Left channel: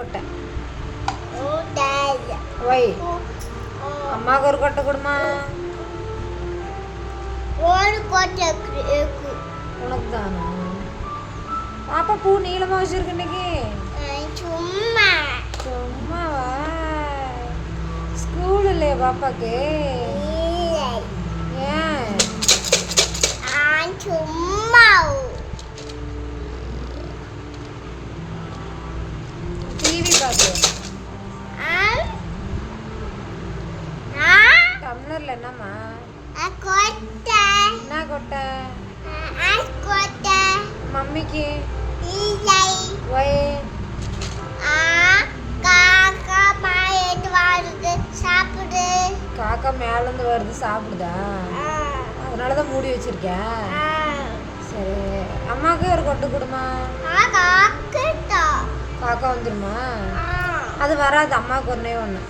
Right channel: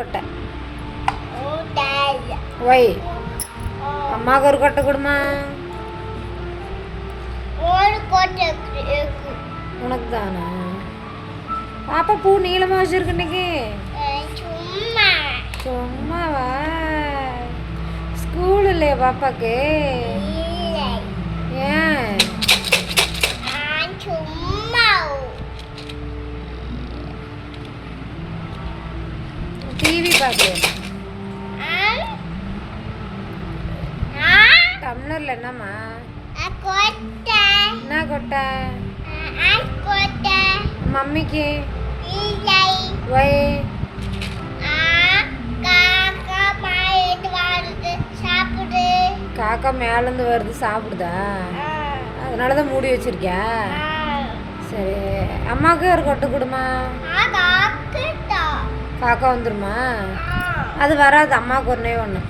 கொட்டை வை அம்மாவுக்கு ஒரு கொட்டை கொடுமா. உனக்கு தானே பாப்பா பூ நீளமா வச்சிருக்கு இன்னைக்கு. சும்மாவா ஸ்கூல் இல்லையா பாப்பாக்கு? ஏன் டிவி பார்க்கல? டம்ளர்ல என்னம்மா? என்ன கொட்டை? மம்மிக்கு வை. காக்கா மேலேருந்து வருது சாப்பிடுதா? அதனால தான் மூடி வச்சிருக்கியா? சரி அம்மாவுக்கு ஒரு கொட்டை கொடுமா. காக்கா வந்துருமா? அது வராது, அம்மாவுக்கு ஒன்றே ஒன்று.